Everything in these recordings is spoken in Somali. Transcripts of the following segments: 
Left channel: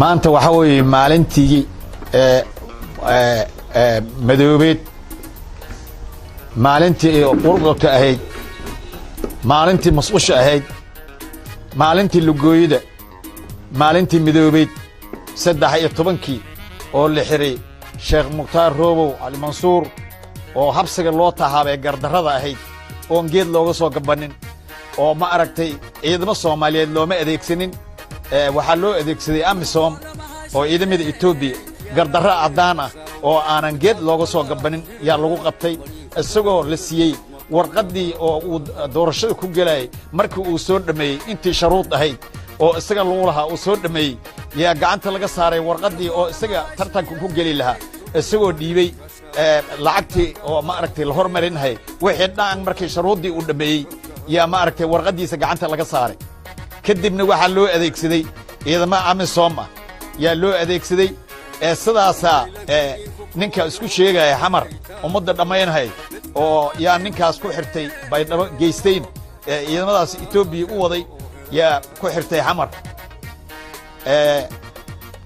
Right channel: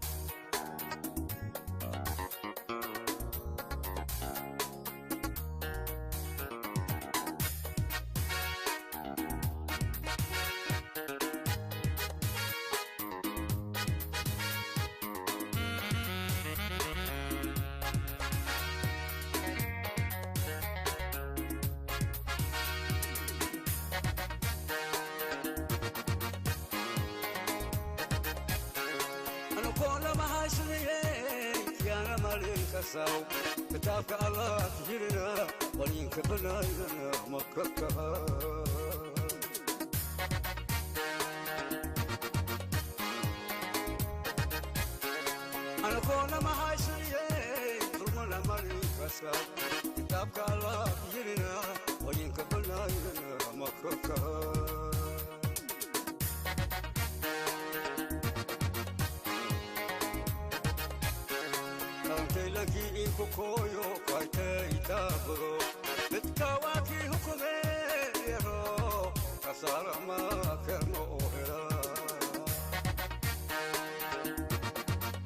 maanta waxa weeye maalintii madoobeed maalintii qurqurka ahayd maalintii masqusha ahayd maalintii lugooyada maalintii madoobeed 13 oo la xiray Sheekh Mukhtaar Roobow Ali Mansuur oo habsiga loo tahaabay gardarrada ahayd oo geed looga soo gabanin oo ma aragtay ciidamada Soomaaliyeed looma adeegsanin waxa loo adeegsaday AMISOM oo ciidamada Itoobiya gardarra cadaan ah oo aanan geed looga soo gabanin yaa lagu qabtay isagoo la siiyay warqadii oo uu doorashada ku galay markii uu soo dhameeyay intii sharuud ahayd oo isaga lagu lahaa uu soo dhameeyay yaa gacanta laga saaray warqadii oo isaga tartanka ku gali lahaa isagoo dhiibay lacagtii oo ma aragtay la hormarinahay wixii dhan markii sharuudii uu dhameeyay yaa ma aragtay warqadiisa gacanta laga saaray kadibna waxa loo adeegsaday ciidamada AMISOM yaa loo adeegsaday sidaasa ninka isku sheegay xamar umada dhameeynahay oo yaa ninkaas ku xirtay baydhabo geysteen ciidamadaas Itoobiya u waday yaa ku xirtay xamar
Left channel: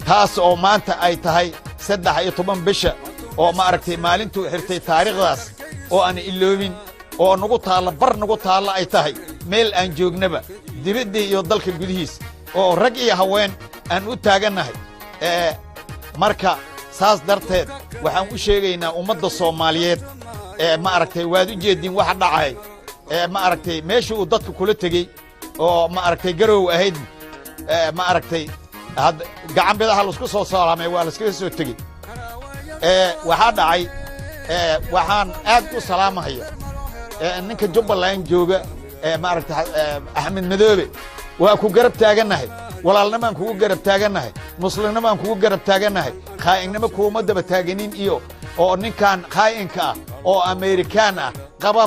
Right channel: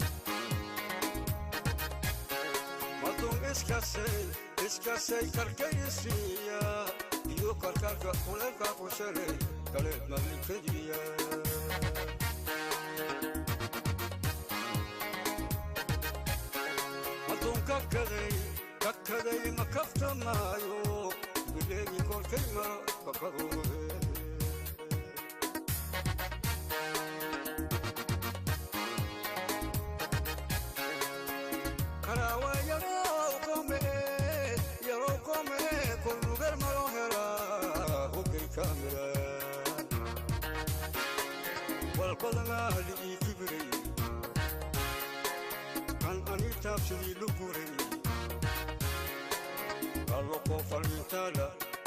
taas oo maanta ay tahay 13 bisha oo ma aragtay maalintu xirtay taariikhdaas oo aan iloobin oo nagu taala ay tahay meel aan joognaba dibadda iyo dalka gudihiis oo rag iyo haween aan u taaganahay marka saas darteed waxaan u sheegaynaa ummadda Soomaaliyeed ma aragtay waad u jeedin waxa dhacay ma aragtay meesha uu dadku kula tagay oo ma aragtay garow ahayd ma aragtay gacan bidaha la isku soo salaamay waa la iska soo tagay waxa dhacay waxaan aad u salaamahay ninka Jubbaland jooga ma aragtay Axmed Madoobe waa ku garab taaganahay walaalnimo ku garab taaganahay muslimnimo ku garab taaganahay qaa'inimo kuma daba taaganin iyo oo ninkan qaa'inka oo Amerikaan ah qaba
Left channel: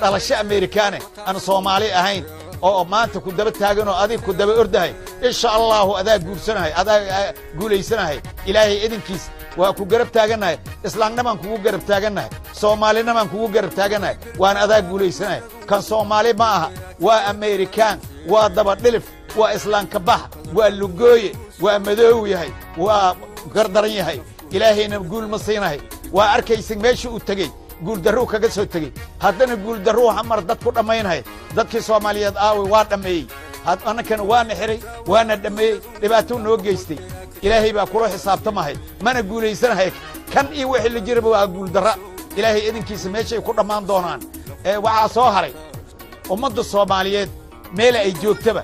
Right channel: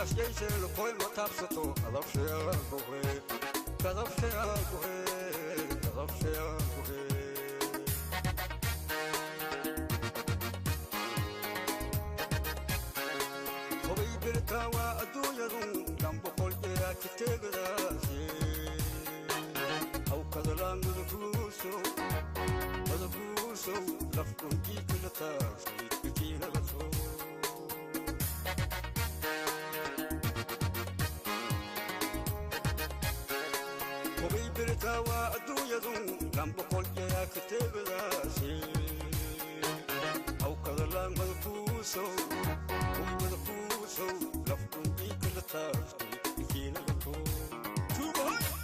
dhalasho Amerikaan aan Soomaali ahayn oo maanta ku daba taagan oo adiga ku daba ordahay insha Allah adaa guursanahay adaa guuleysanahay ilaahay idinkiis waa ku garab taaganahay islaamnimo ku garab taaganahay Soomaalinimo ku garab taaganahay waan adaa guuleysanahay kan Soomaali ma aha waa Amerikaan waa daba dhilif waa islaan ka bax waa lugooye waa madoow yahay waa gardaran yahay ilaahayna guul ma siinahay waa arkaysan meesha uu tagay guul darro kaga soo tagay haddana guul darro xamar dad ku dhameeynahay dadkii Soomaaliyeed aawi waa dhameeyay annakana waana xiray waana dhameeyay dhibaato noo geystay ilaahay baa kula xisaabtamahay mana guuleysanahay kan iyo wixii la jiraba waa guul darra ilaahay idinkiisa meesha ay ku dhamaan doonaan waxa soo haray ummadda Soomaaliyeed meel ay joogtaba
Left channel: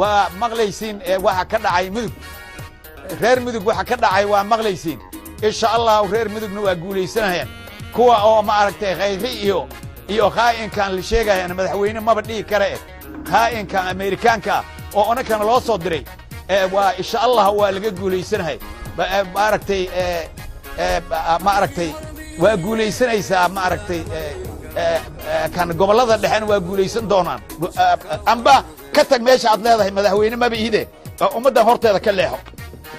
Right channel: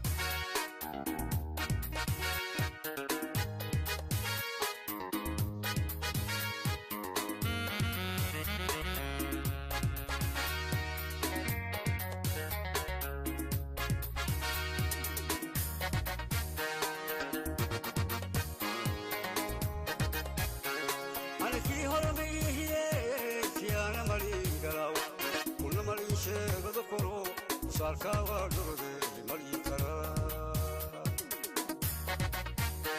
waa maqlaysiin waxa ka dhacay mudug reer mudug waxa ka dhacay waa maqlaysiin insha Allah reer mudugna waa guuleysanayaan kuwa oo ma aragtay khayri iyo qaa'inkan la sheegayaan madaxweyne ma badhigi kare qaa'inka Amerikaanka oo anakana loo soo diray waa insha Allah waa laga guuleysanahay ma aragtay waa guuleysanaysaa ma aragtay kan gobolada dhaxan waa guuleysan doonaan amba ka tag meesha aad leedahay madaxweyne ma biide ummadda horteeda ka leexo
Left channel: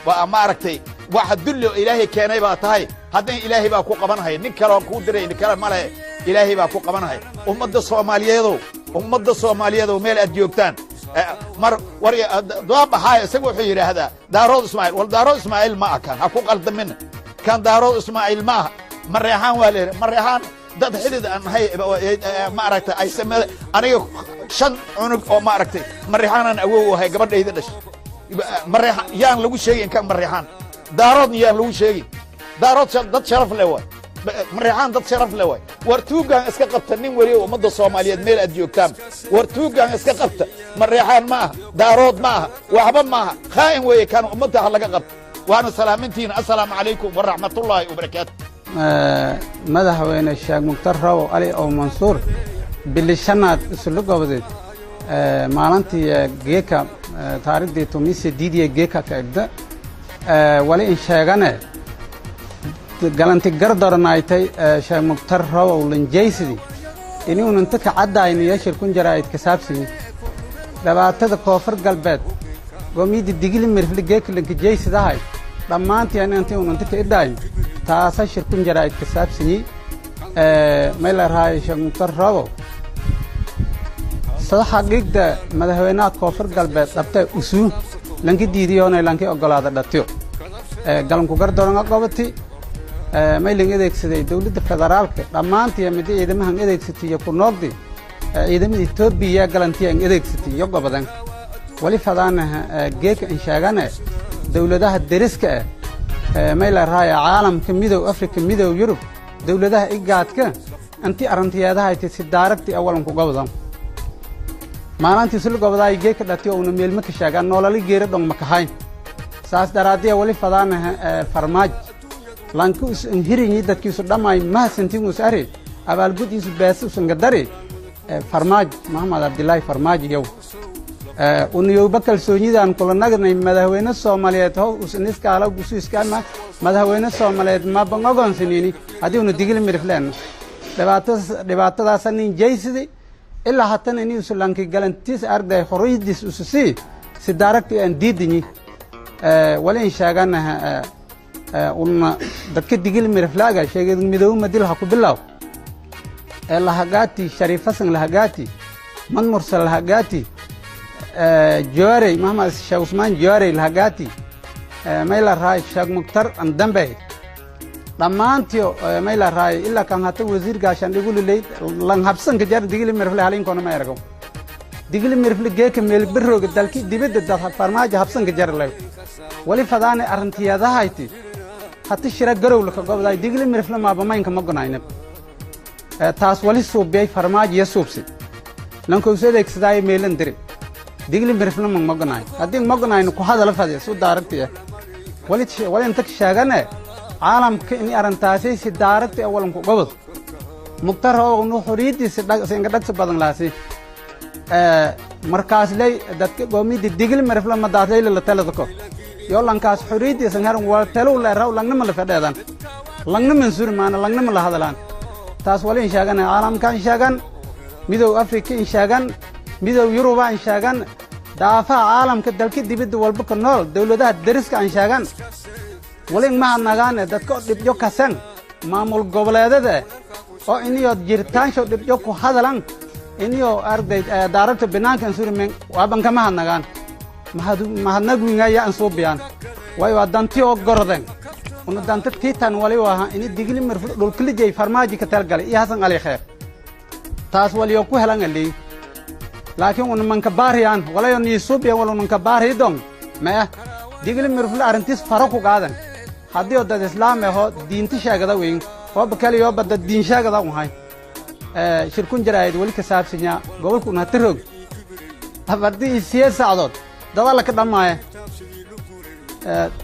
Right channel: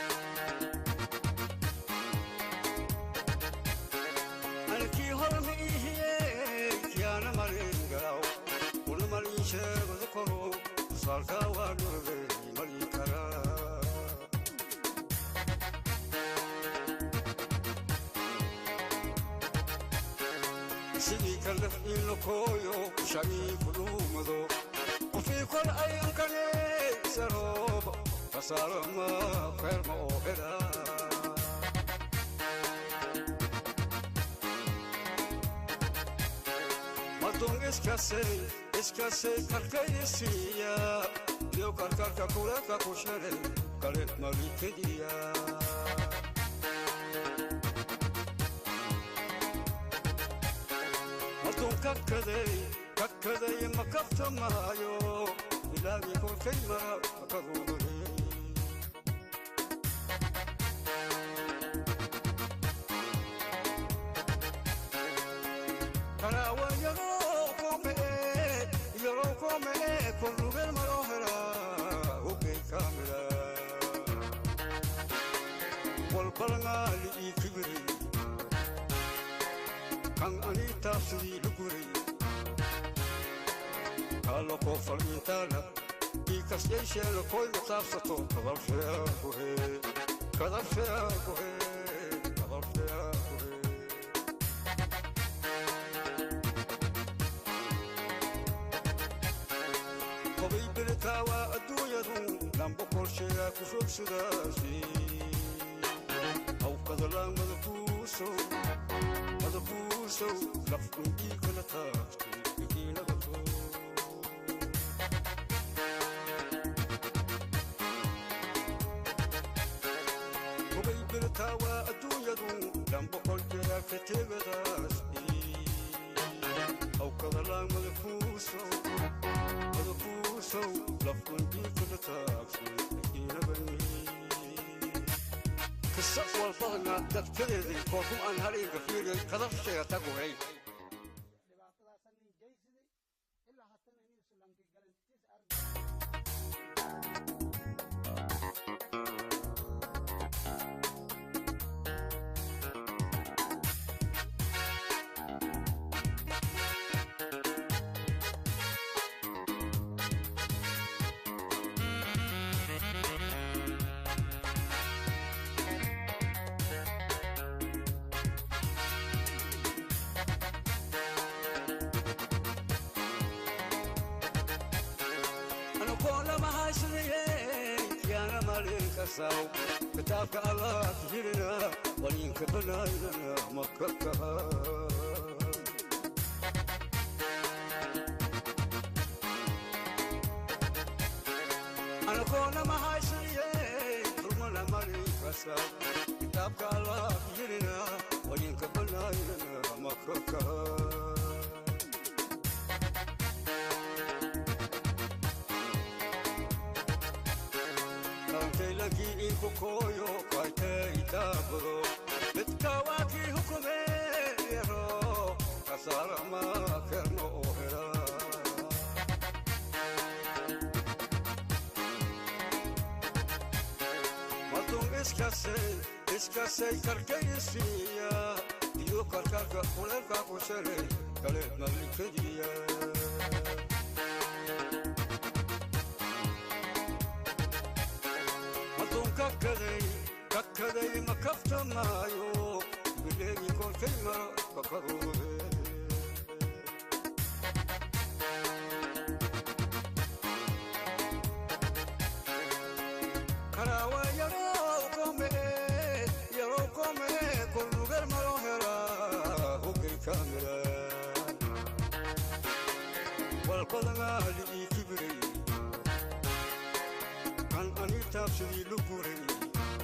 waa ma aragtay waxa dullo ilaahay keenay baa tahay haddii ilaahay baa ku qabanahay nin kale oo ku diray nin kale ma leh ilaahay baa ku qabanahay ummadda Soomaaliyeed meel aad joogtaan mar war doobahay isagu wuxuu yiraahdaa Daarood Ismaaciil wal Daarood Ismaaciil ma akan ha ku qaldamin kan Daarood Ismaaciil ma mareexaan waa leeyahay mareexaan dad xidid aan hay ma aragtay ay sameeyay aniga 5 cunug oo ma aragtay mareexaan awow hay gabadhayda dhashay mareexaan yaan lagu sheegay kan mareexaan daarood yaan lagu sheegay daarood dad sharaf leh waa mareexaan dad sharaf leh waa wartuugan iska qabta nin wali ummadda Soomaaliyeed meel aad joogtaan wartuugan iska qabta mareexaan ma daarood ma waxba ma qaa'in way kan ummadda laga qabta waana salaamintiin assalaamu calaykum wa rahmatullaahi wa barakaatuh madaxweyne Sheekh Mukhtaar Roobow Ali Mansuur bilishanaad isla goboleed maalintii geeka taariikhdii tumise diidiye geeka ka egda wali in sheegane galanti gardarnaaytay Sheekh Mukhtaar Roobow lanjeysidi inuu inta ka cadaayniyo shirkun jaraa'id ka saabsan dhawaatada koonfur galbeed gomidi digili mirfli geeka lanjeysadahay dhammaantiin intii uu inta ka idhay taasa shirkun jaraa'id ka saabsan meel raay Sheekh Mukhtaar Roobow صح حقيقة مدهونات كفر قلبي طبته أسوء lanki diidiyoona lanki ogolaada dhatiyo galanku gardooranga qabati maylan adeegsaday dowladda federaalka dhammaantii mid ciidamahan adeegsatay ku noqdi ciidamada Itoobiya galantiyan adeegsatay iyo gobadan wali fadaanaha geeka in sheegana dowladaha deriska mayla raaya caalamka midow Afrika midow Yurub dowladaha igaadka anti arantiyadaha ay si daaragti awalan ku gobadan maalintii sul gobaday geeka dhatiyo una meel ma ka sheegan nolol geera dhon ma ka hayn saas daraadiya wali fadaanaha farmaaj lanku hirinyi dadkiisu dhamay ma santiin usari abaalgudiisu baasusan gadari farmaaj Maxamed Abdullaahi farmaaj yow uniyo bakal soonidan kula nagnay madaxweyne Soomaaliyeed oo usniskaala gusiiskana madaxweyne Soomaaliyeed ma bangogonsanini hadii uu digil mirflaan dhibaatadaas nin jeysidi ilaa hatan inuu sulanki galantiis arday xoriyadiis ususi si daaragti aan diidini wala in sheeganaha una dadka digil mirflaaga sheegay midow madil ha ku bilaw la hagaati shariifasan la hagaati man mursal la hagaati جواري مهما الشيخ عثمان جواري الهجاتي ميلا راي الشيخ مختار أندمبي لما أنتيو ميلا راي إلا كان هاتو وزير عشان يقولوا لي لان هبسن كجار ديجلي مرفلي حالين كونا ما يرجعوا ديجلي مرفلي جاك ميل برو قدالكي ديبد الدفع فرماج هبسن كجار لي ولي فداني أرنتيا ده هايتي حتى الشراء جرو لك قبل ديجلي مرفلي ما بما ينكم مقنعين تاس ولي صوب بيا فرماج يسوبسي لانكو يسوي كسداي ميلن دري ديجلي مرفلنا من مقنعي هذين مقنعي إنه كهذا لفظ سود دارتيه ولا أنت كشاغنا عالم كإني أرنتاسي سود دارتي أولاً قبض مختار هو إنه خريدي سينقدك سبادن لاسي مركز لي دتك قومي ديجلي مرفلنا ما دارتي إلا تلذكو يلا نكاس خريدي سنهرم والتلو لا راو لعنا ما لفدادان لعنا من سور معنا لعنا ما لهذا لان تاس ولا إن شاغنا عالم كان شاغن ميدو أفريقيا إن شاغن ميدو يوروبا إن شاغن دافع عالم كدلك دبيد والبك النور دولة درس كان شاغن ولين ما نغان دتك دبيو كسن معمول قبلة ده أو إنيو جيرتان شو دبيو كهذلان إنيو أرد دارت بنان كان سور من وابن كما نغان ما هنقول يا أنصوب بيان ويا دانتيو قردن وندانت تيتان ولي وها إني دقيل مرفوع دول كل جاي فرماجي كترجع إيه حسن عليه خير تاس ولي يوكو هلان اللي لكن من كباريان ولا ينيسوب يا ولا من كباري دون ما دقيل مرفوع أرنتيس فرقوا قادن هذا يود الإسلام هو دين تشاء كذا وين هو بكالي هو بدأ دين شاء كذا وهاي شركون جرايد ولي كسار سنيا قبل كنا تروج هبدي سياسة عضد ده ولا كده معه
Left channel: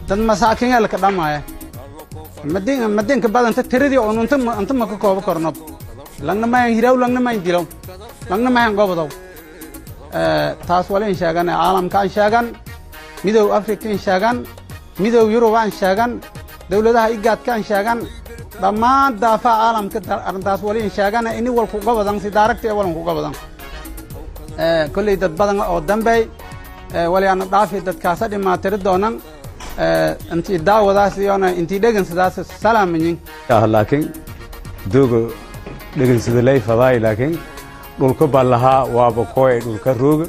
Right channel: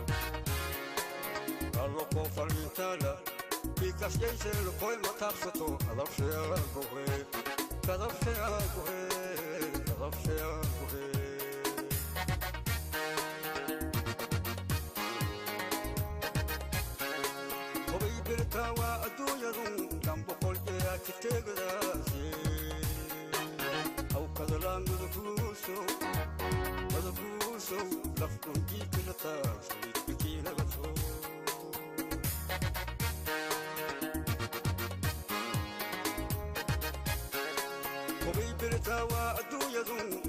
ده مساكين ولا كده معه مدين كبار أنت تريدي أو أنت ما كوكو بكرناب لأن ما يهراو لأن ما يديرو لأن ما ينقبض تاس ولا إن شاء عالم كان شاغن ميدو أفريقيا إن شاغن ميدو يوروبا إن شاغن دولة ده إيجاد كان شاغن لما دافع عالم كتر تاس ولا إن شاغن إني والكوكبضان سدارك ولا كوكبضان كل ده بدن أو دمبي ولا أنا دافع ده كاسة ما تردونا أنت داو ده سيانا أنت دعين سداس سلام مني لكن دوغ دعين سدلاي فضاي لكن والكبالها وابقوي والكروج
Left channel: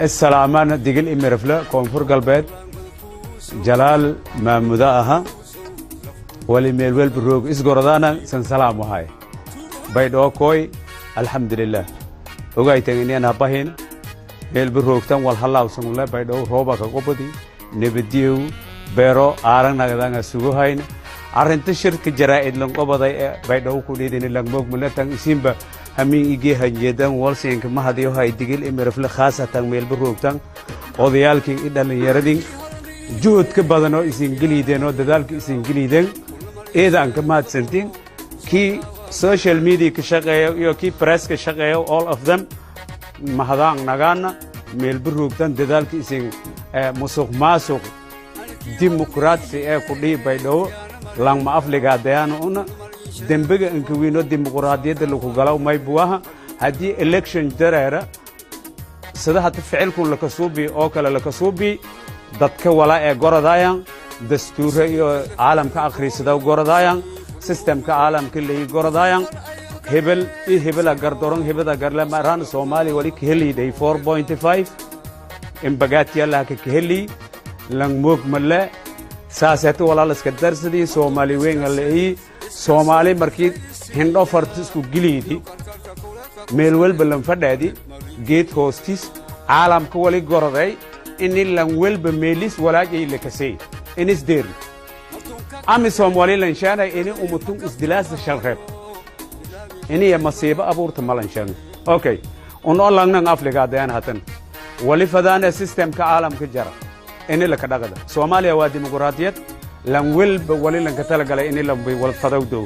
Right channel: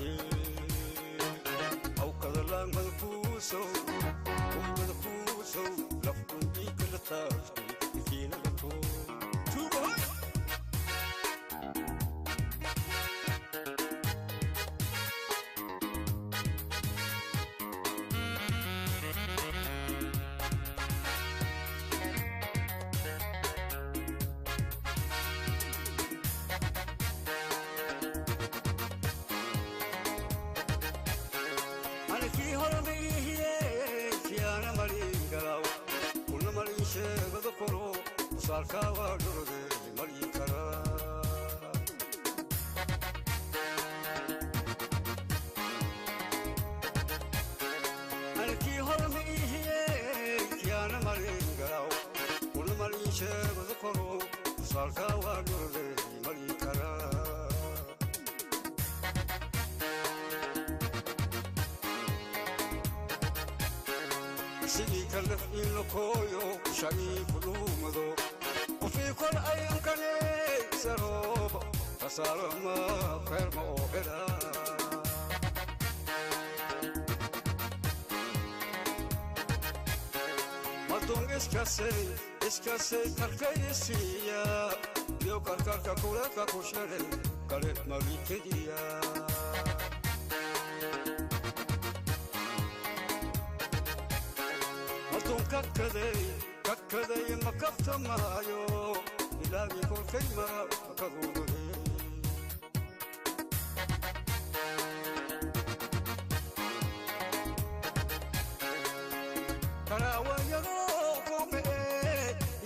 السلامان دقل إمرفلا كونفور قلبات جلال ما مداها ولميلول بروج إسقردانا سنسلام وهاي بيدو كوي الحمد لله وقاي تغني أنا باهين ميل بروج تام والحلا وسمع الله بيدو روبا كقبضي نبديو بيرو آرن نقدان سوق هاين آرن تشرك جرائد لون قبضي بيدو كوني دين لون بوك ملتان سيمبا همين يجي هنجدان والسين كما هذيو هاي دقيل إمرفلا خاصة تام ميل بروج تام وديالك إذا يردين جود كبدانو إسنجليدينو ددالك إسنجليدين إذا أنك ما تسنتين كي social media كشغيو يو كي press كشغيو all of them mahadang nagana meel buruugtan dadaalkii isin musuq maasuq dimuqraadsi ee ku dhiibay dhow langma afliga dayana una dembiga inka wiino dimuqraadiyadda lagu galaw may buwaha haddii election dareera sida hada ficilkun la kasuubi oo kale la kasuubi dadka wala ee gorodayaan dastuurka iyo caalamka akhriisada gorodayaan systemka caalamka leeyahay gorodayaan hebel hebel agar doron hebel agar la maran Soomaali wali kheli day 4.5 إن بقات يلا كهلي لان موك ملا ساسات ولا لسكدر سدي سومالي وين اللي هي سومالي مركي هندو فرتس وجليدي ميلول بلن فدادي جيت هوستيس عالم كولي غورغاي إني لان ويل بميليس ولا جاي لكسي إنيس دير أمي سومالي لانشانا إني أمتون إسدلاس الشلخيب إني يا مصيبة أبورت مالانشان أوكي ونقول لنا نافلك هذين هاتن ولي فدانا سيستم كعالم كجرا إني لك دغدا سوماليا waa dimuqraadiyad lan walba wali lan ka tala galay in lan bay wal fadawdo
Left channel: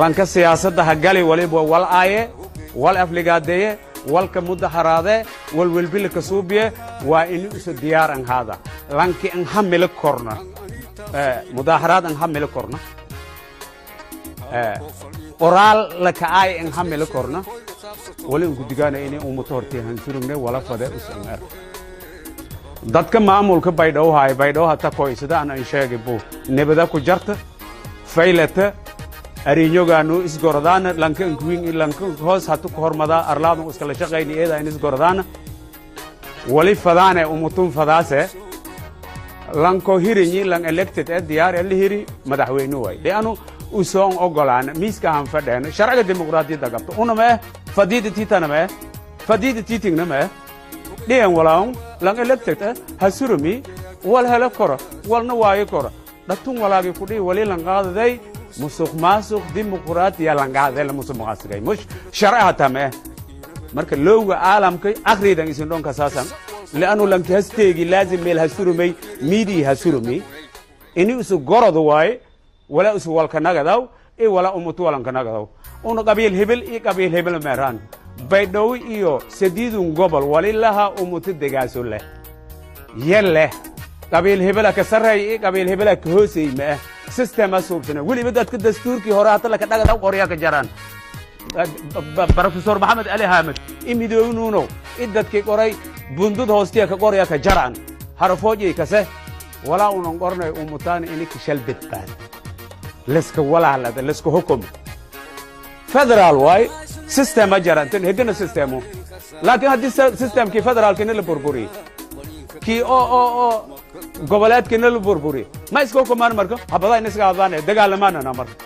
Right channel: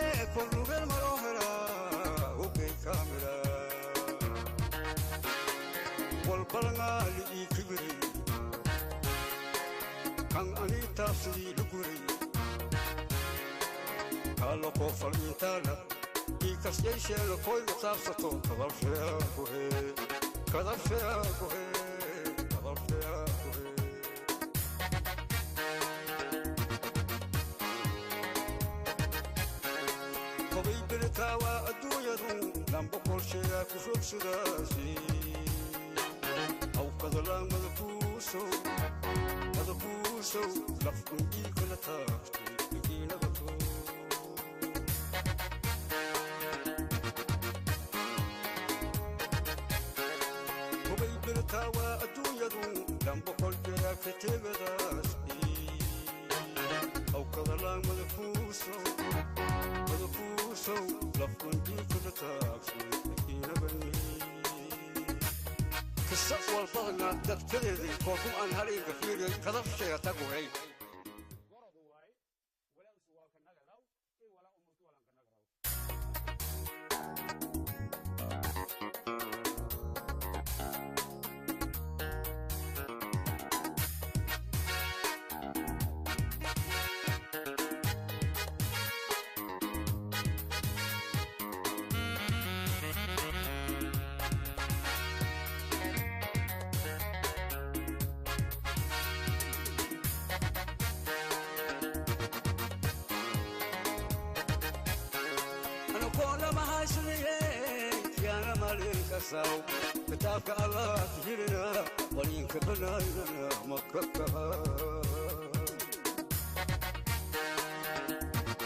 lan ka siyaasadda ha gali waliba wal aaye wal afligaadeye wal ka mudaharaade wal walbil ka suubiye waa in isu diyaar an hada lan ki an hamil korna mudaharaad an hamil korna oral la ka ay an hamil korna wali ugu digaana in uu motorti han surumne wala fada ismar dadka maamulka baydhabo hay baydhabo hata qoysada aan sheegay buu nabada ku jarta faylata ariyogaanu isgordaan lanka queen lanka hoos hatu hormada arlaadu iskala shaqeeyay in isgordaan wali fadaane umutun fadaase lanko hirinyi lan elected diyaar ee hiri madaxweynuhu way leenu u soo ogolaan miiska han fadheen sharciga dimuqraadiyadda qabto una ma fadiidati tanama fadiidati tinama دين ولاهم لان إلكتة هسرمي ولا هلا كرة ولا نواي كرة لكن ولا بيكودي ولي لان قاعد ذي مسوق ماسوق ديمقراطية لان قاعد ذي مسوق ماسوق مش شرعها تمام مركز لو عالم كي آخر دين يسندون كساسا لأنه لم تهستيجي لازم ميل هسرمي ميدي هسرمي إني أسوق جرد واي ولا أسوق والكناغداو إيه ولا أمتو ولا كناغداو أنو قبيل هبل إيه قبيل هبل مهران baydhabo iyo sadiidun gobol walilaha umutdeegaaso leh yelle qabiil hebela ka sareey qabiil hebela ka hoosay ma system asubtana wali dadka dastuurkii hore hata la ka dhagada qoriya ka jaraan professor maxamed ali hamed imidoonuno idadkii qoray bundud hoostiya ka qoriya ka jaraan harfooji kase wala unan qornay umutaan in ka shalbadbaan leska wala la leska hukum فدرال واي سيستم أجرا هدنا سيستمه لكن هذا السيستم كي فدرال كنا البربوري كي أو قبلات كنا البربوري ما يسكو كمان مركو هبضاي نسقى هبضانه دقال ما أنا مركو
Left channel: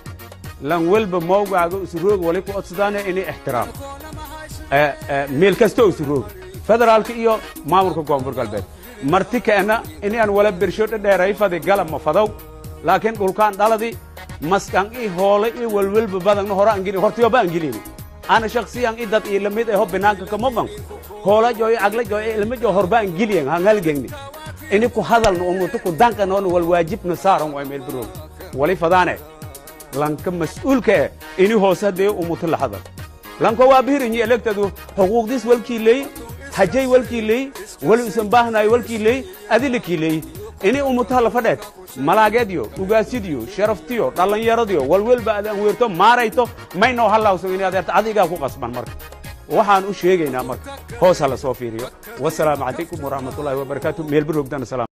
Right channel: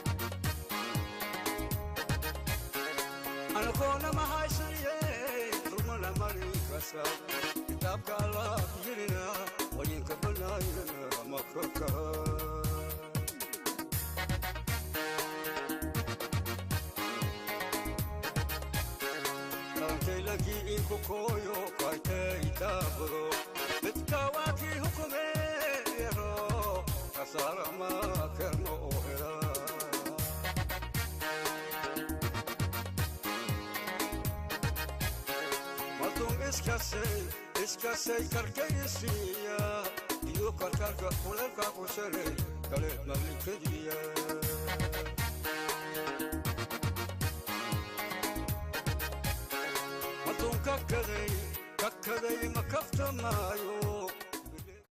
لان ولب موقع سروق ولكو أتصدانه إني احترام ميل كستو سروق فدرال كيو ما مركو قوم برقلبه مرتي كأنا إني أنا ولا برشوت دايرة فدي قلم مفضو لكن كل كان دالدي مسكان إيه هولي إيه والولب بدن هورا أنجلي هرتيو بأنجلي أنا شخصيا إدت إيه لميت إيه هو بناك كمبان هولا جوي أغلى جوي لميت جو هربا أنجلي هنغال جنني إني كو هذا الأمور تكو دانك نون والواجب نصارهم ويميل برون ولي فدانه لانك مسؤول كه إني هو سدي أمور اللحظة لانك وابير إني إلكتدو حقوق ديس والكيلي حجي والكيلي والسنباهنا والكيلي أدلكيلي إني أمورها فدات ملاقيديو تجاسيديو شرفتيو طالن يرديو والويل بعد ويرتو ماريتو ما إنه هلا وسوينا هذا عادية فوق أسبان مرة وحن وشيء جينا مرة هو سلا صوفيريو والسلام عليكم ورحمة الله وبركاته ميل بروك دان السلام